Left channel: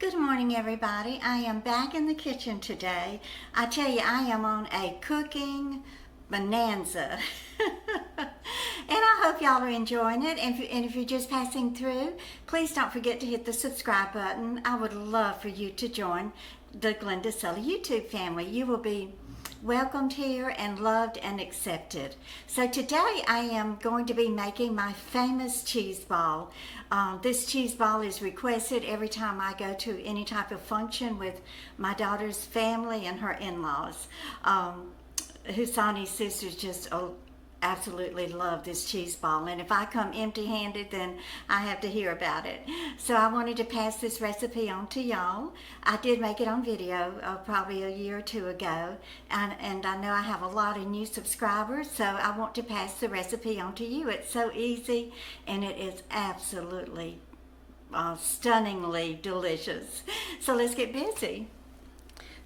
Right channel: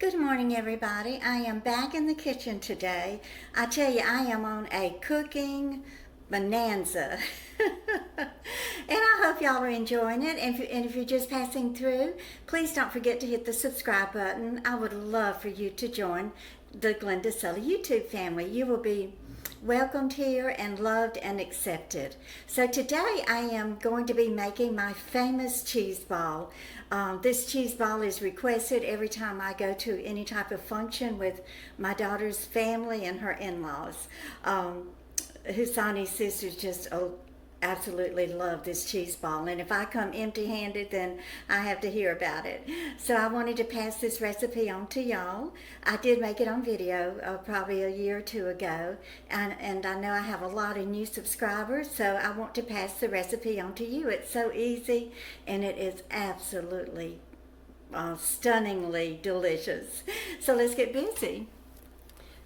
Good morning, everybody. I am back in the kitchen today. I tell you, I am on a cooking bonanza. And I hope y'all are enjoying it. And if you're just passing through, please don't forget to hit the subscribe button. I would love for you to join the Glenda Sully YouTube family. You will be welcomed here and loved and accepted. So today I am going to be making my famous cheese ball. This cheese ball is requested every time I go to any type of function with my daughter's family and her in-laws. Husani's sisters just absolutely love this cheese ball, and if I come empty-handed, then I have to hear about it. So I wanted to pass this recipe on to y'all. I did make it on video probably a year or two ago, and I know I have a lot of new subscribers, so I want to pass the recipe on to you. It's so easy, and it is absolutely stunningly delicious. So let's get busy.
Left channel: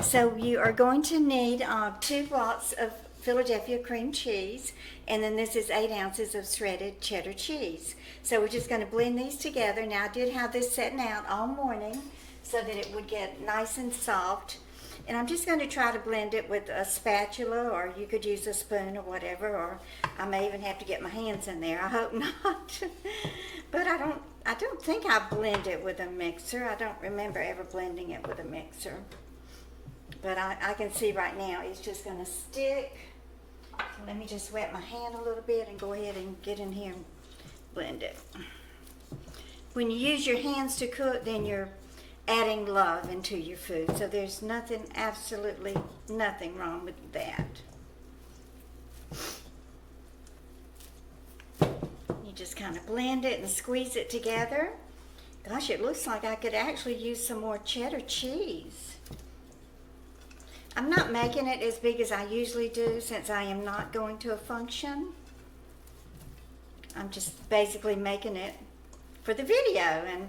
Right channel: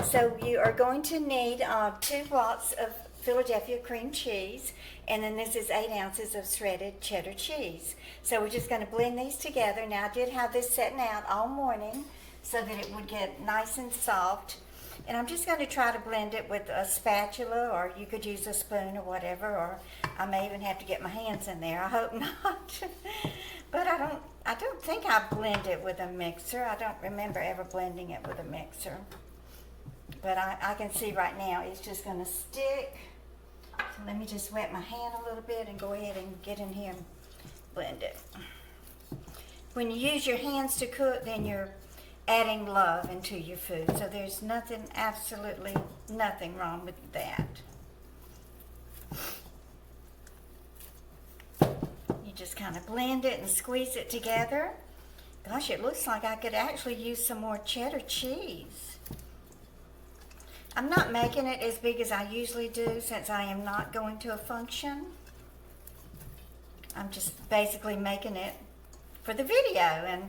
So you are going to need 2 blocks of Philadelphia cream cheese, and then this is 8 ounces of shredded cheddar cheese. So we're just going to blend these together. Now I did have this setting out all morning so that it would get nice and soft, and I'm just going to try to blend it with a spatula, or you could use a spoon or whatever, or I may even have to get my hands in there. I hope not. But I don't think I blend it with a mixer. I don't remember ever blending it with a mixer. But I can see right now it's just going to stick. So let me just wet my hand a little bit and go ahead and get in here and blend it. When you use your hands to cook, then you're adding love into your food. So there's nothing, absolutely nothing wrong with that. You just kind of blend it and squeeze it together. Gosh, it looks like I could actually use some more cheddar cheese. I'm not making it as big as I usually do since I am not going to a function. I'm just basically making it for the video. And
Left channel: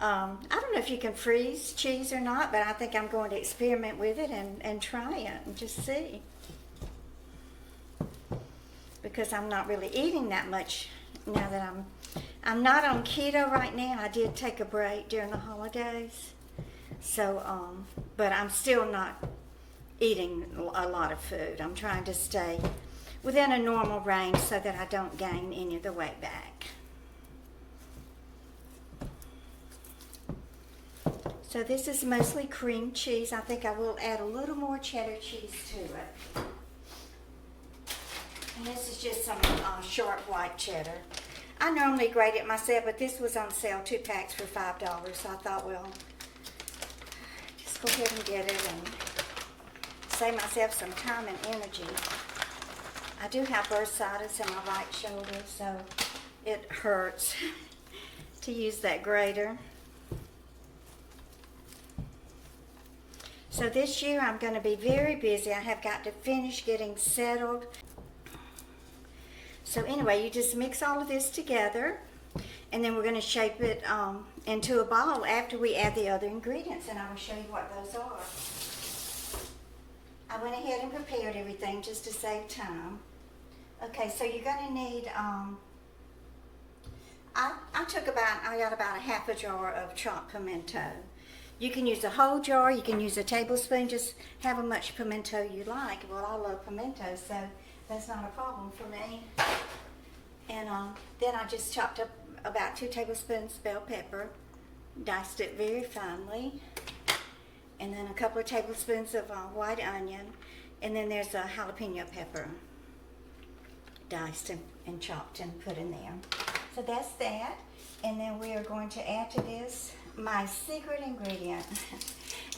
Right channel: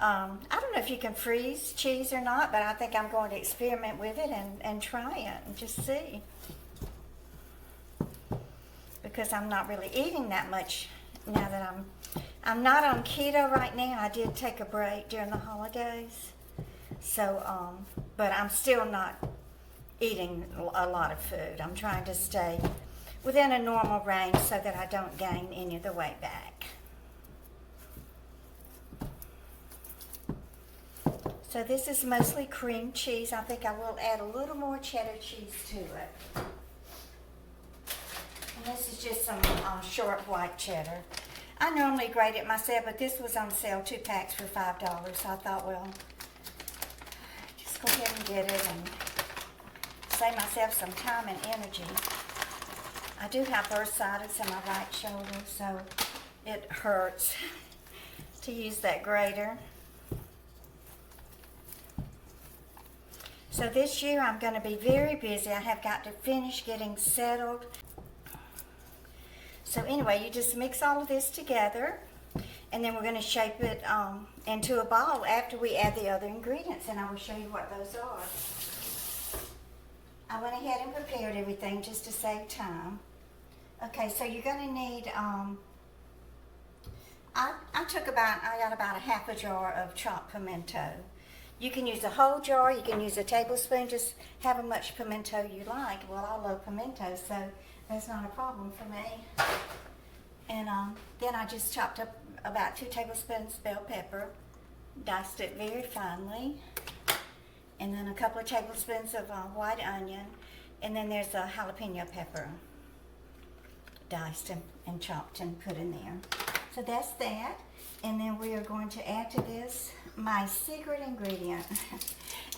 I don't know if you can freeze cheese or not, but I think I'm going to experiment with it and try it and just see. Because I'm not really eating that much now that I'm not on keto right now. I did take a break during the holidays. So, but I'm still not eating a lot of food. I'm trying to stay within a normal range so that I don't gain any of the weight back. So this is mostly cream cheese. I think I will add a little more cheddar cheese to it. And this is just some short white cheddar. I normally grate it myself, but this was on sale, 2 packs for $5. So I thought, well, just go ahead and get it and save myself some time and energy. I do have bursitis in my right shoulder, so it hurts to use that grater. So this year I'm going to be very busy. I have got to finish getting settled. So anyway, you just mix all of this together, and then we're going to shape it into a ball after we add the other ingredients, and I will show you what those are. I went ahead and prepared everything just to save time. Okay, so you're going to need, I got about a half a jar of chopped pimento. You can use a whole jar, you can use a tablespoon, just have how much pimento you like. Well, I love pimento, so that's not a problem for me. And then I just chopped up about 2 tablespoons bell pepper, diced it very finely. And then a couple of tablespoons of white onion, and then there's a jalapeno pepper, diced and chopped and put in there. So that's that, and then we are going to add to this my secret ingredient.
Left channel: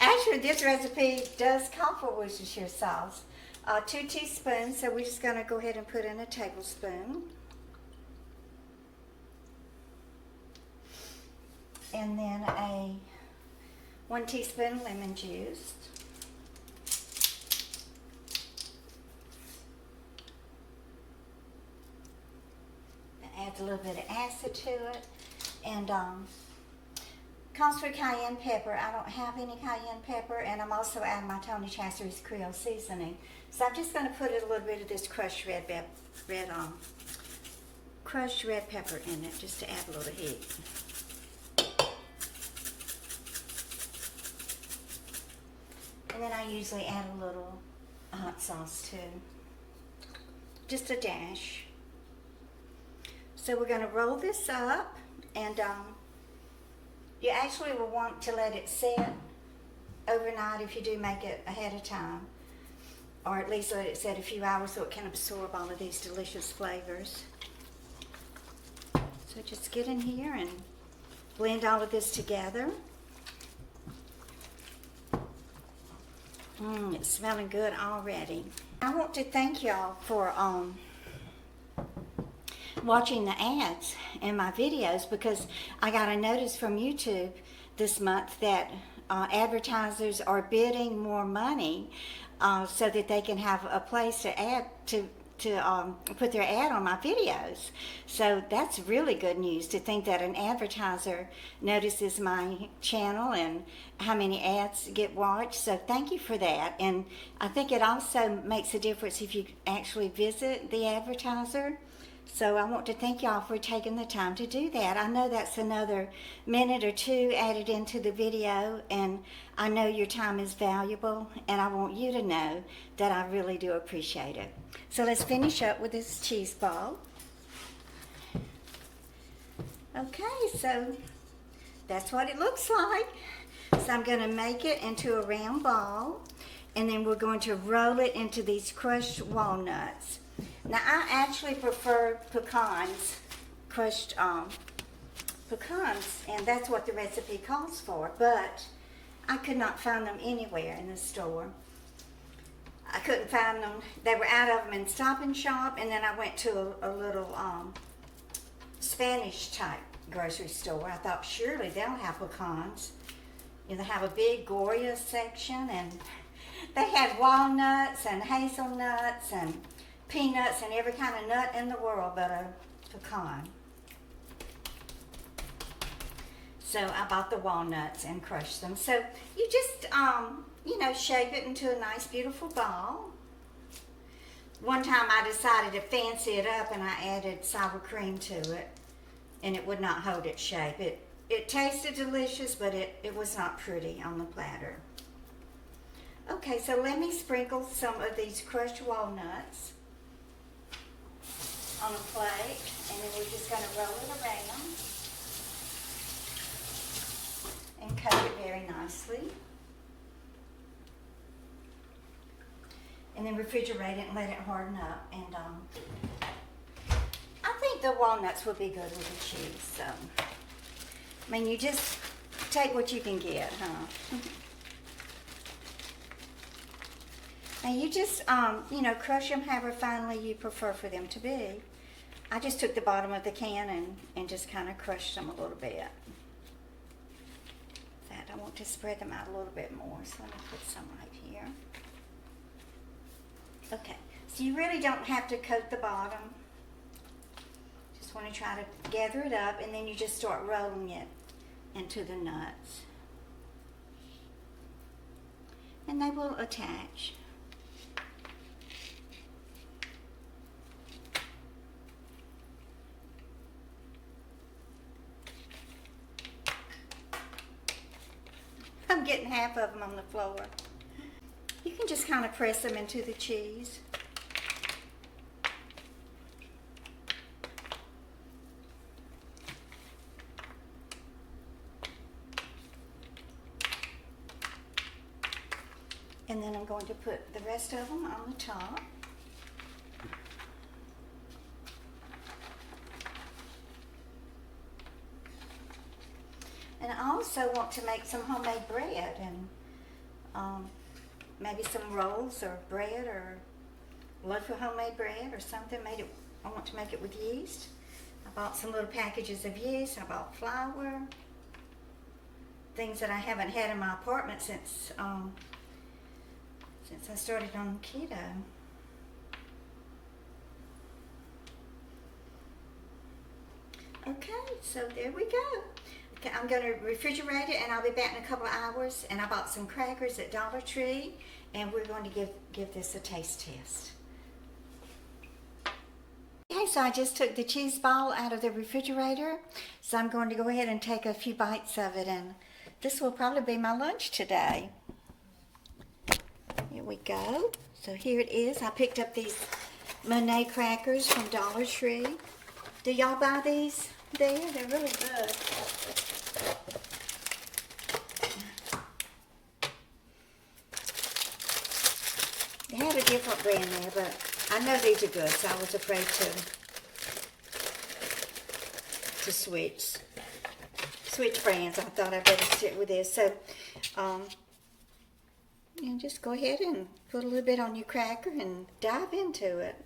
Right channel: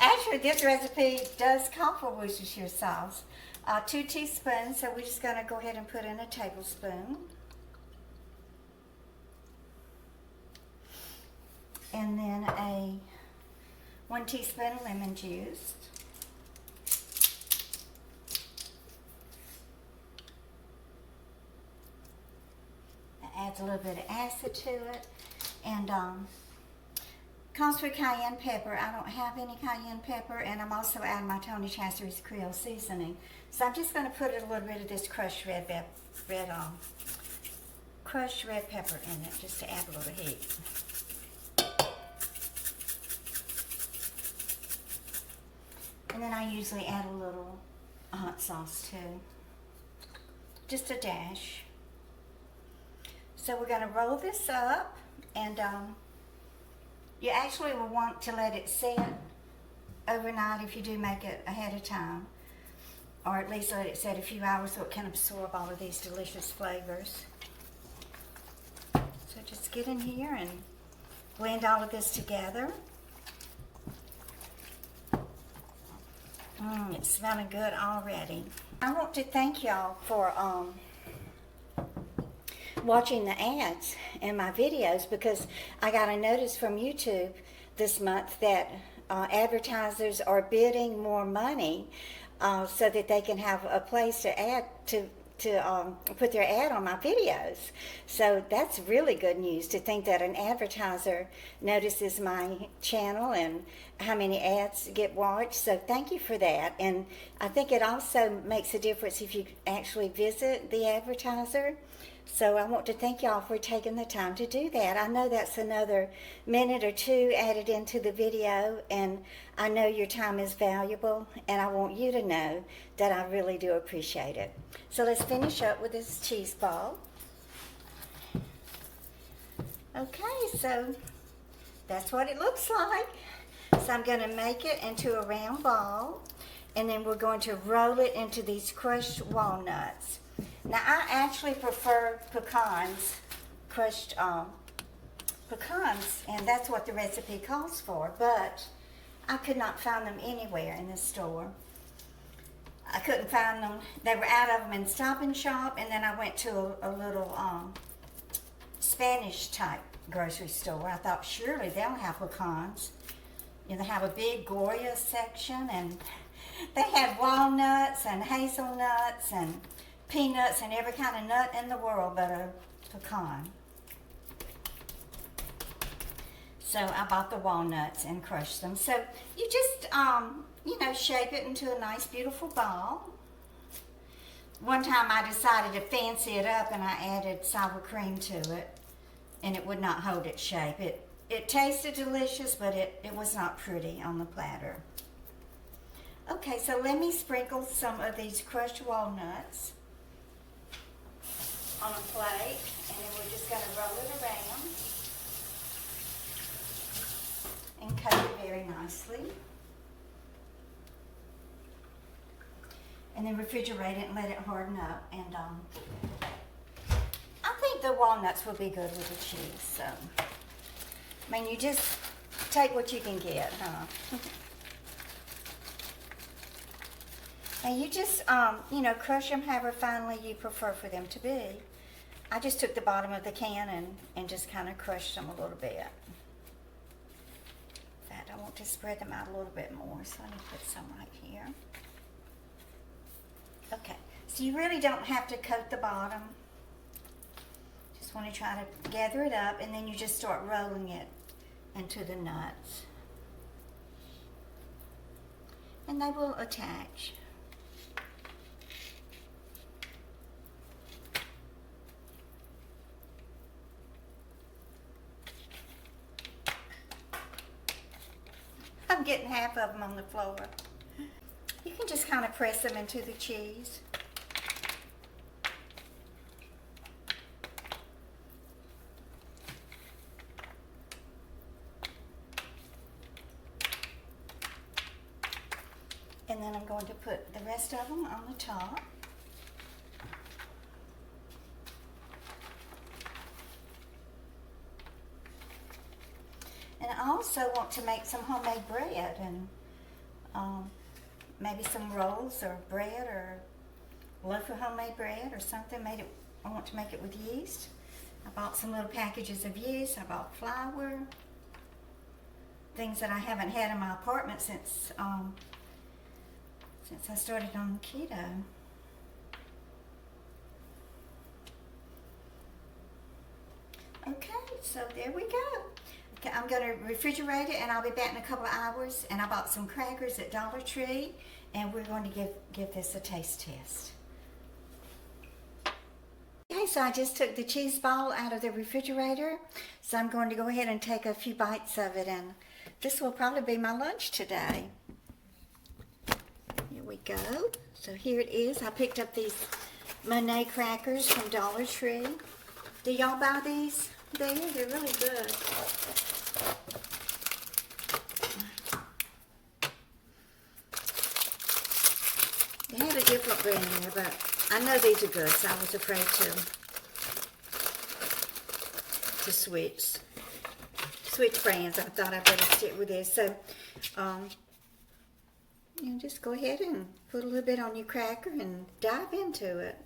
Actually, this recipe does call for Worcestershire sauce. 2 teaspoons, so we're just going to go ahead and put in a tablespoon. And then 1 teaspoon lemon juice. That adds a little bit of acid to it. And calls for cayenne pepper. I don't have any cayenne pepper, and I'm also adding my Tony Chachere's Creole seasoning. So I'm just going to put a little bit of this crushed red pepper in it just to add a little heat. And then I usually add a little hot sauce too. Just a dash. So we're going to roll this up, and you actually will want to let it set overnight if you do make it ahead of time, or at least let it set a few hours so it can absorb all of these delicious flavors. So just get in here and blend all of this together. It's smelling good already. I want to thank y'all for watching the ads in my videos, because I got a notice from YouTube this month that advertisers are bidding more money so that they can have a place to add to put their ad on my videos. So that's really good news, to think that an advertiser notices my channel and how many ads get watched. So thank you for that. And I think it also makes a difference if you actually visit the advertiser. So I want to thank y'all for taking the time to do that. I know that's another minute or two added into the video, and I know your time is valuable, and I want you to know that I really do appreciate it. So let's finish up with this cheese ball. Okay, so that's what it looks like. So I'm going to make it into a round ball, and then we're going to roll it into these crushed walnuts. Now, I actually prefer pecans, crushed pecans, and that's what the recipe calls for, but I could not find them anywhere in the store. I couldn't find them. They were out of them in Stop and Shop, and then I went to a little Spanish type grocery store. I thought surely they'll have pecans. You know, they have a big Goya section, and they had walnuts and hazelnuts and peanuts and every kind of nut in the world but a pecan. So I bought the walnuts and crushed them. So you just, you know, shape it into a nice, beautiful ball. One time I decided to fancy it up, and I added sour cream to it, and it would not hold its shape. It tasted delicious, but it was not pretty on the platter. Okay, so let me sprinkle some of these crushed walnuts on a plate, and then we're just going to roll it around and coat it very nicely. And then refrigerate it and let it harden up. And I think the walnuts will be good with the cheese. So, I mean, you just take what you can get, huh? And you just, you know, crush them however finely you prefer for them to be. I just took the bottom of the can and just kind of crushed them a little bit. In fact, I want to spread them out a little bit more, so let me put some right here. Okay, so you really don't have to coat the bottom. Just want to try to gather it up, and then you just start rolling it into the nuts. And they will attach. I'm getting half of them on the floor. You can just kind of press them into the cheese. And then I'm going to put the rest of them on the top. And I also want to make some homemade bread, and maybe some rolls or bread or loaf of homemade bread or something. I want to make it with yeast. I bought some little packages of yeast. I bought flour, things that I haven't had in my apartment since I started on keto. Okay, so there we go. Okay, I'm going to refrigerate it, and I'll be back in a couple of hours. And I bought some crackers at Dollar Tree, and we're going to give this a taste test. Okay, so I just took the cheese ball out of the refrigerator, so I'm going to go ahead and take a few bites of it, and this will probably be my lunch today. we go. So here it is. I picked up these Monet crackers from Dollar Tree. Do y'all buy these there? They're really good. They had a different brand there, but I know these are good, so I was afraid to switch brands. I thought I'd better stick with this. So, and just go ahead and put a little bit on your cracker and dive into it.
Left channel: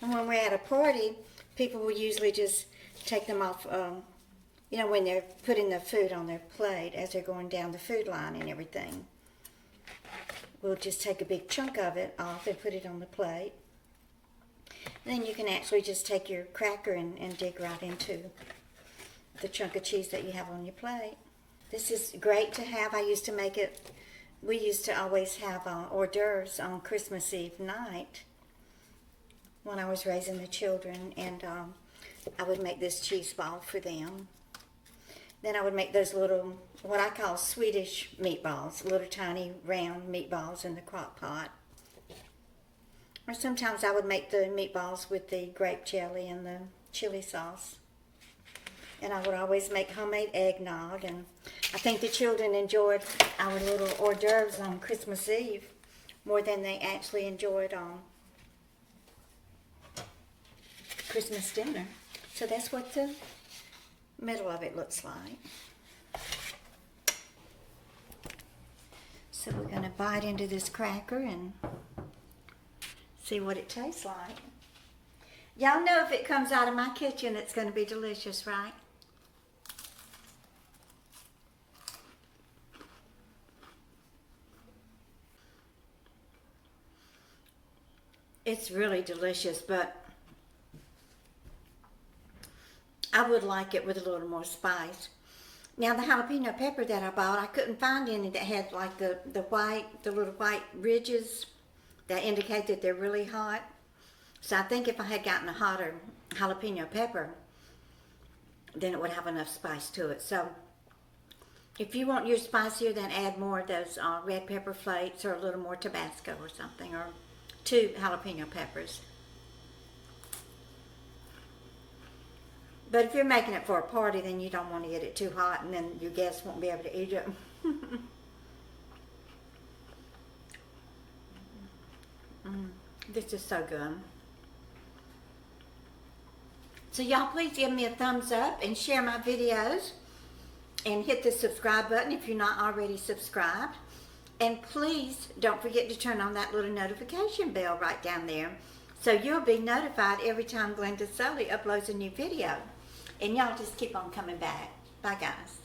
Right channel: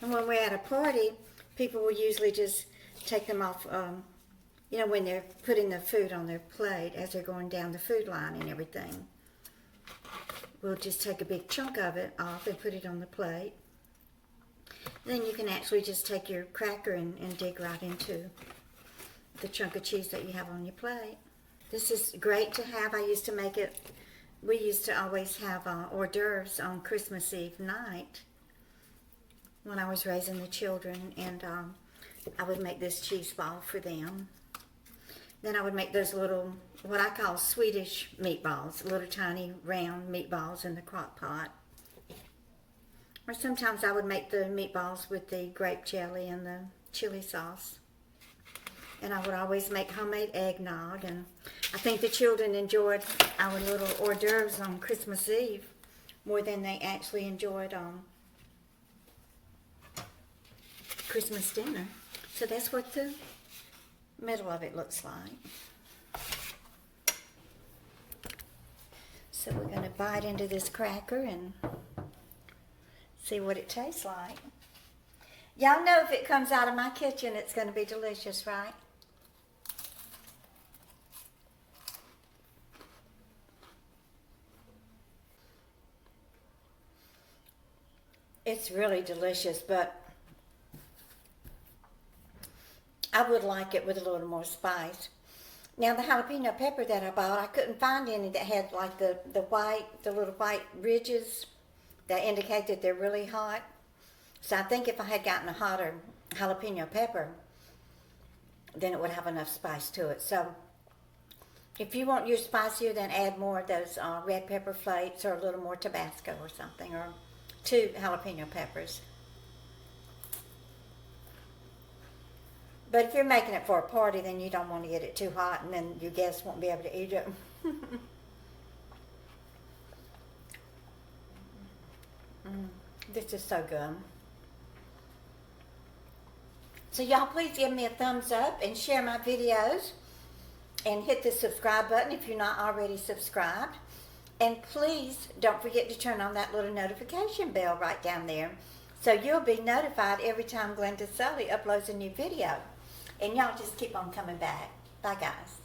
And when we're at a party, people will usually just take them off, you know, when they're putting the food on their plate as they're going down the food line and everything. We'll just take a big chunk of it off and put it on the plate. Then you can actually just take your cracker and dig right into the chunk of cheese that you have on your plate. This is great to have. I used to make it, we used to always have hors d'oeuvres on Christmas Eve night when I was raising the children, and I would make this cheese ball for them. Then I would make those little, what I call Swedish meatballs, little tiny round meatballs in the crock pot. Or sometimes I would make the meatballs with the grape jelly and the chili sauce. And I would always make homemade eggnog, and I think the children enjoyed our little hors d'oeuvres on Christmas Eve more than they actually enjoyed Christmas dinner. So that's what the middle of it looks like. So we're going to bite into this cracker and see what it tastes like. Y'all know if it comes out of my kitchen, it's going to be delicious, right? It's really delicious, but I would like it with a little more spice. Now the jalapeno pepper that I bought, I couldn't find any that had like the little white ridges that indicate that they're really hot. So I think if I had gotten a hotter jalapeno pepper, then it would have enough spice to it. So if you want yours spicier, then add more of those red pepper flakes or a little more Tabasco or something, or 2 jalapeno peppers. But if you're making it for a party, then you don't want to get it too hot, and then your guests won't be able to eat it. This is so good. So y'all please give me a thumbs up and share my videos, and hit the subscribe button if you're not already subscribed. And please don't forget to turn on that little notification bell right down there, so you'll be notified every time Glenda Sully uploads a new video. And y'all just keep on coming back. Bye, guys.